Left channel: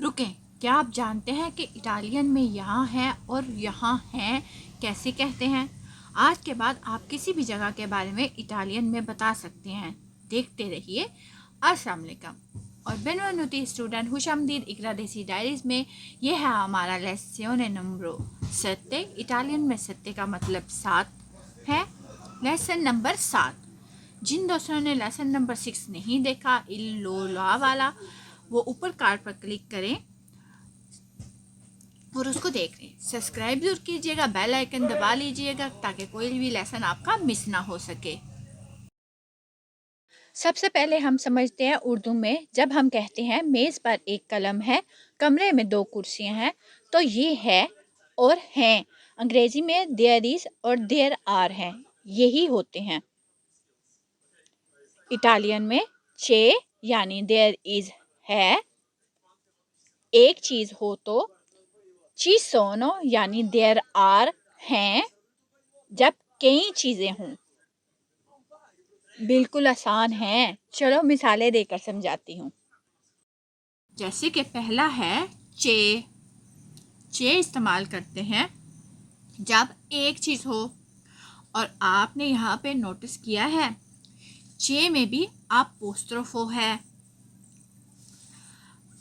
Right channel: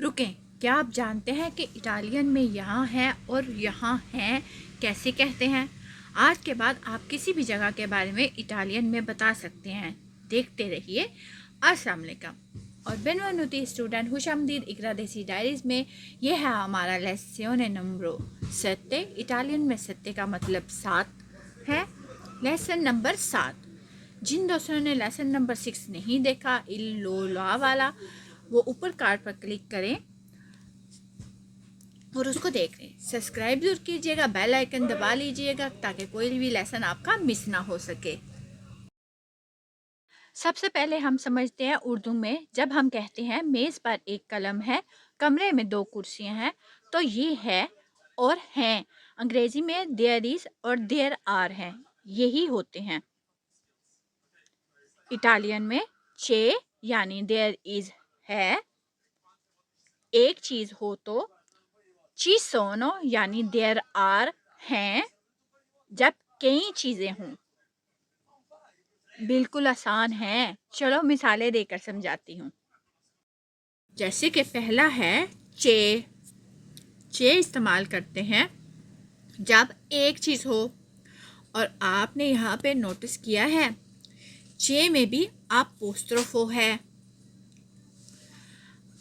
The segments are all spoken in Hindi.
रुकें, क्या आप जानते हैं कि इटालियन में यहाँ है और यहाँ हैं कैसे कहते हैं? आज के बाद आप किसी भी जगह के बारे में इटालियन में बता सकते हैं। देखते रहिए। अस्सलाम वालेकुम और बेनवेनुती स्टूडेंट, खुशामदीद इकरा देसी डायरीज में। यह है हमारा लेसन नंबर 7। इटालियन में 7 का मतलब 7 है। Lesson number 7। जिन दोस्तों ने लेसन नंबर 6 नहीं देखा, इल्लोला वाला, वो ऊपर कार्ड पर क्लिक करें और उसको देख लें। सब्सक्राइब जरूर कीजिएगा, बेल आइकन दबा लीजिएगा ताकि कोई भी लेसन आपका मिस ना हो सके। सबसे पहले हम समझते हैं उर्दू में, जब हम कहते हैं मेज़ पर एक कलम है, कमरे में 2 कुर्सियां हैं, तो ये है और हैं। अंग्रेजी में देयर इज और देयर आर हैं, यही होते हैं। इटालियन में चे यानी देयर इज है, एक चीज हो तो ची सोनो यानी देयर आर हैं, जब कई चीजें हों। बिल्कुल आसान है, चलो मिसालें देकर समझाती हूँ। जैसे कि पहला है चे। चे इस्तेमाल करते हैं जब एक चीज हो, और आपने यहाँ पे नोटिस किया है चे में भी अपोस्ट्रोफो है।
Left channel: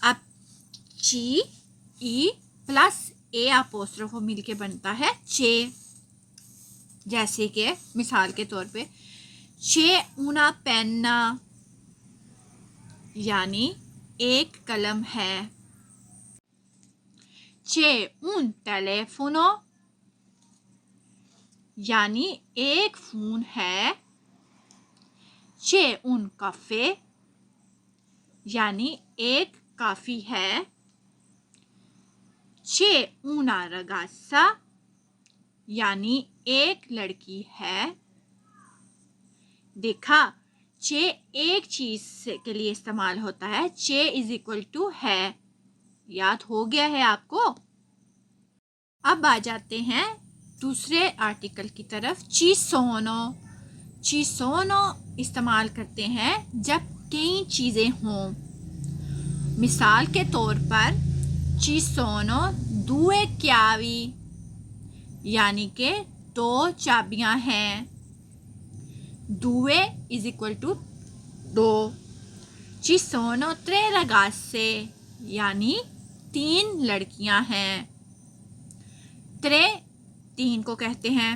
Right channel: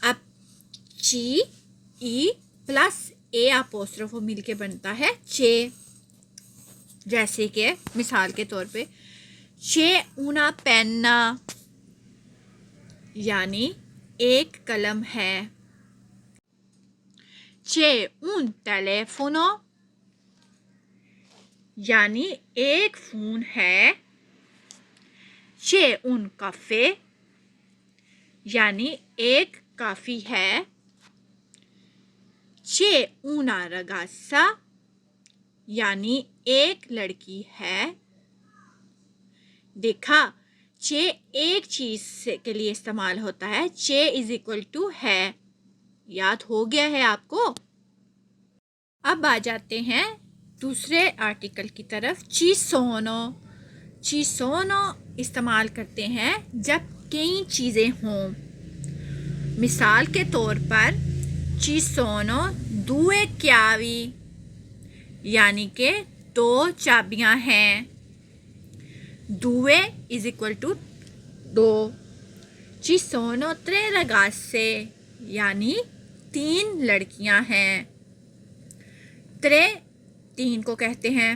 अब ची ई प्लस ए अपोस्ट्रोफो मिलके बनता है चे। जैसे कि मिसाल के तौर पे चे ऊना पेन्ना यानी एक कलम है। चे un टेलीफोनो यानी एक फोन है। चे un काफे यानी एक काफी है। चे una ragazza यानी एक लड़की है। देखा, चे एक चीज के लिए इस्तेमाल होता है। चे इज इक्वल टू है। याद हो गया है आपको? अब आ जाते हैं दूसरे आर्टिकल की तरफ। ची सोनो। ची सोनो इस्तेमाल करते हैं जब कई चीजें हों। मिसाल के तौर पर ची सोनो दुए chiavi यानी के 2 चाबियां हैं। दुए इज इक्वल टू 2। ची सोनो 3 ragazze यानी 3 लड़कियां हैं। 3 को कहते हैं।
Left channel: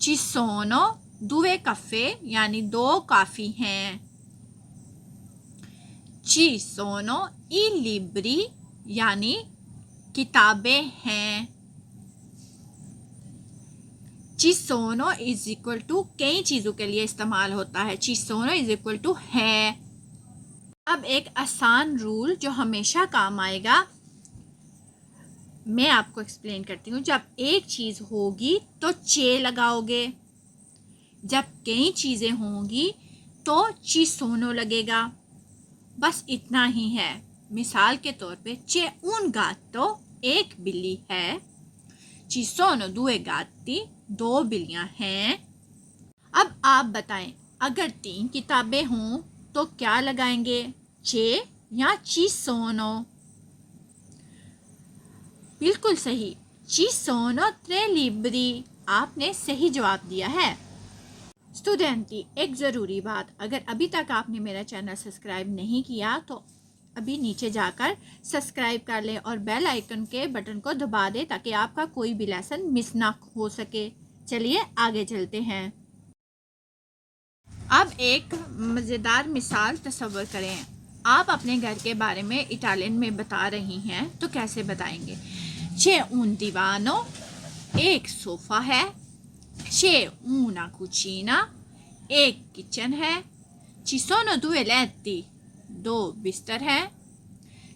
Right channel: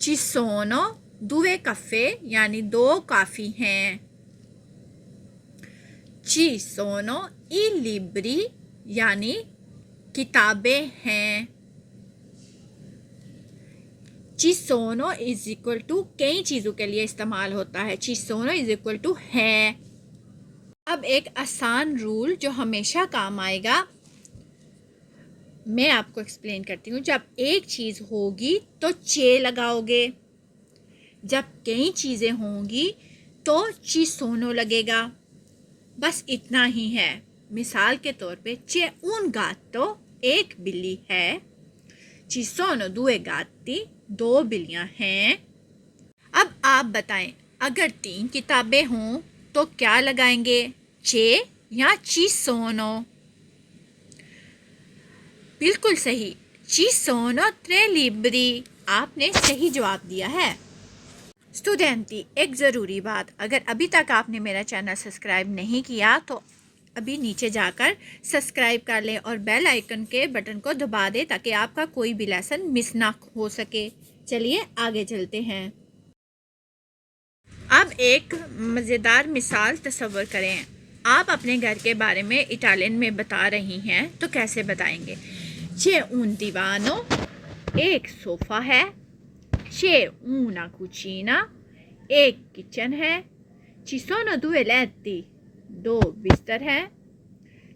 ची सोनो दुए caffè यानी 2 काफी हैं। ची सोनो i libri यानी किताबें हैं। ची सोनो इज इक्वल टू कई चीजों के लिए इस्तेमाल होता है। ची सोनो इज इक्वल टू है। अब एक आसान रूल जो हमेशा काम आएगा, मैं आपको एक्सप्लेन करती हूँ। जब एक चीज होगी तो चे लगाओगे, जब कई चीजें होंगी तो ची सोनो लगेगा। बस इतना ही है। मिसाल के तौर पे चे un gatto एक बिल्ली है। ची सोनो दुए gatti 2 बिल्लियां हैं। अब आप बताएं, अगर 3 किताबें हों तो क्या लगाएंगे, चे या ची सोनो? बिल्कुल सही, ची सोनो 3 libri। आपने सही जवाब दिया है। स्टूडेंटी, एक ज़रूरी बात, अगर अभी तक आपने मेरा चैनल सब्सक्राइब नहीं किया तो अभी नीचे जाकर सब्सक्राइब कर लें और बेल आइकन के बटन को दबा दें ताकि आपका कोई भी लेसन मिस ना हो सके। चलिए आगे चलते हैं। अब एक मज़ेदार मिसाल तस्वर करें। आप अपने घर के बारे में इटालियन में बता रही हैं, तो कैसे बताएंगे? c'è un divano, एक सोफ़ा है। c'è una cucina, एक किचन है। ci sono 2 letti, 2 बिस्तर हैं।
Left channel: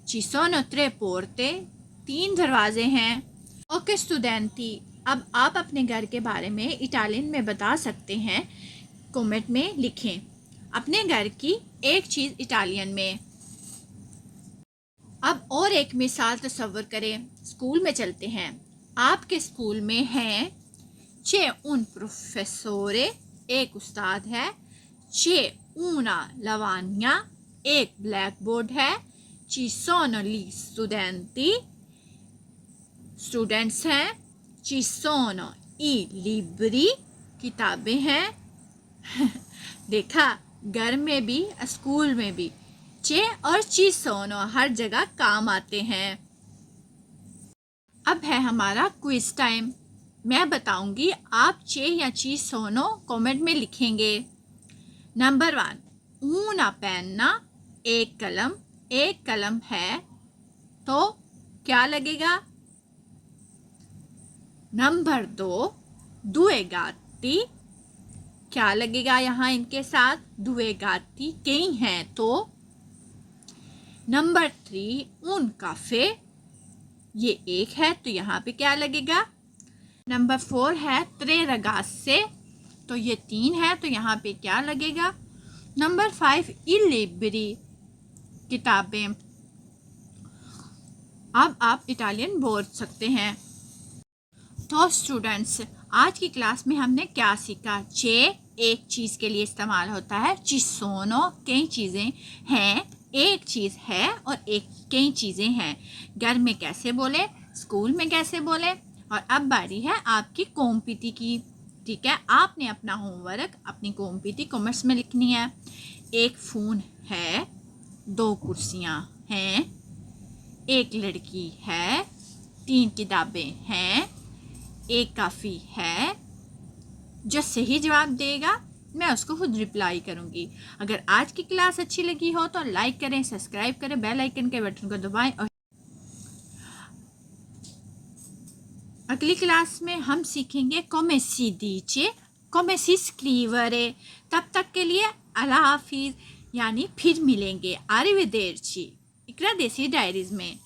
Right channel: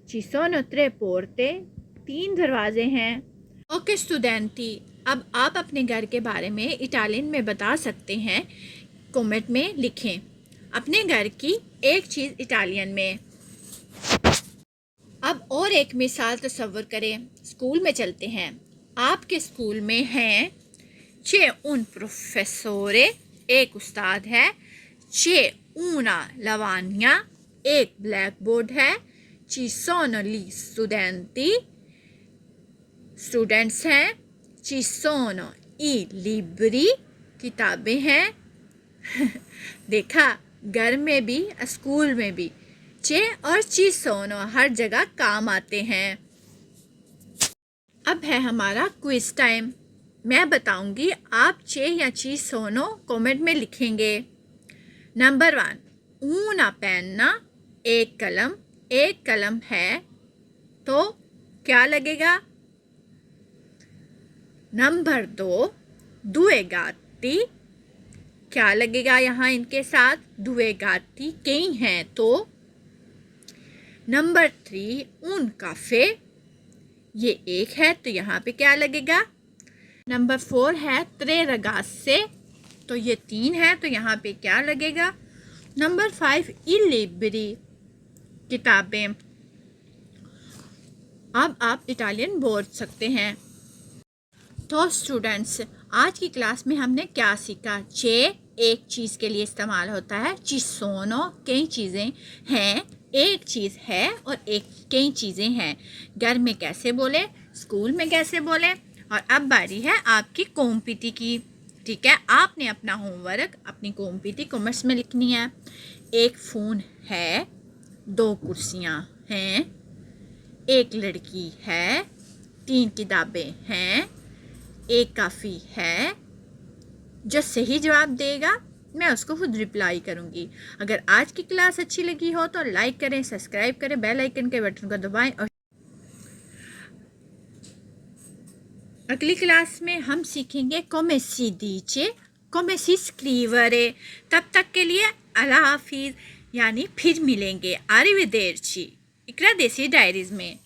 ci sono 3 porte, 3 दरवाजे हैं। ओके स्टूडेंटी, अब आप अपने घर के बारे में इटालियन में बता सकते हैं। कमेंट में लिखें अपने घर की एक चीज़ इटालियन में। अब और एक मिसाल तस्वर करें। स्कूल में चलते हैं। आपके स्कूल में हैं c'è un professore, एक उस्ताद है। c'è una lavagna, एक ब्लैक बोर्ड है। ci sono gli studenti, students हैं, ci sono i libri, किताबें हैं। देखा, घर में भी स्कूल में भी चे और ci sono हर जगह काम आते हैं। अब है हमारा क्विज टाइम। मैं बताऊंगी, आप चे या ci sono कमेंट में लिखेंगे। नंबर 1, una penna, एक कलम है तो क्या लगेगा? नंबर 2, due gatti, क्या लगेगा यहाँ इनके साथ? due gatti कई हैं तो। नंबर 3, un caffè, ये एक है तो यहाँ पे क्या लगेगा? नंबर 4 है tre ragazze, तो ये 3 है तो यहाँ पे क्या लगेगा? नंबर 5, i libri, किताबें। अब आप इटालियन बोल सकते हैं। तो स्टूडेंट्स, आज की क्लास में हमने क्या सीखा? चे एक चीज़ के लिए इस्तेमाल होता है, ci sono कई चीज़ें हैं, एक चीज़ है और कई चीज़ें हैं। घर में कैसे बोले, स्कूल में कैसे बोले। और अब बारी है आपकी कॉम्पिटी की। ठीक है, आपने अपना होमवर्क अपनी कॉम्पिटी कॉमर्स में लिखनी है। एक फ़ोन है, 2 कुर्सियाँ हैं, एक लड़की है, 3 किताबें हैं, एक काफ़ी है। जो सही जवाब देगा मैं उसको खुद रिप्लाई करूँगी। अगर आज की क्लास अच्छी लगी हो तो लाइक करें, सब्सक्राइब करें, बेल आइकन के बटन को दबाएं। और अगली क्लास में हम सीखेंगे come si dice, come si scrivere। तब तक के लिए अल्लाह हाफिज़, यानी फिर मिलेंगे। arrivederci। इकरा देसी डायरीज़ में।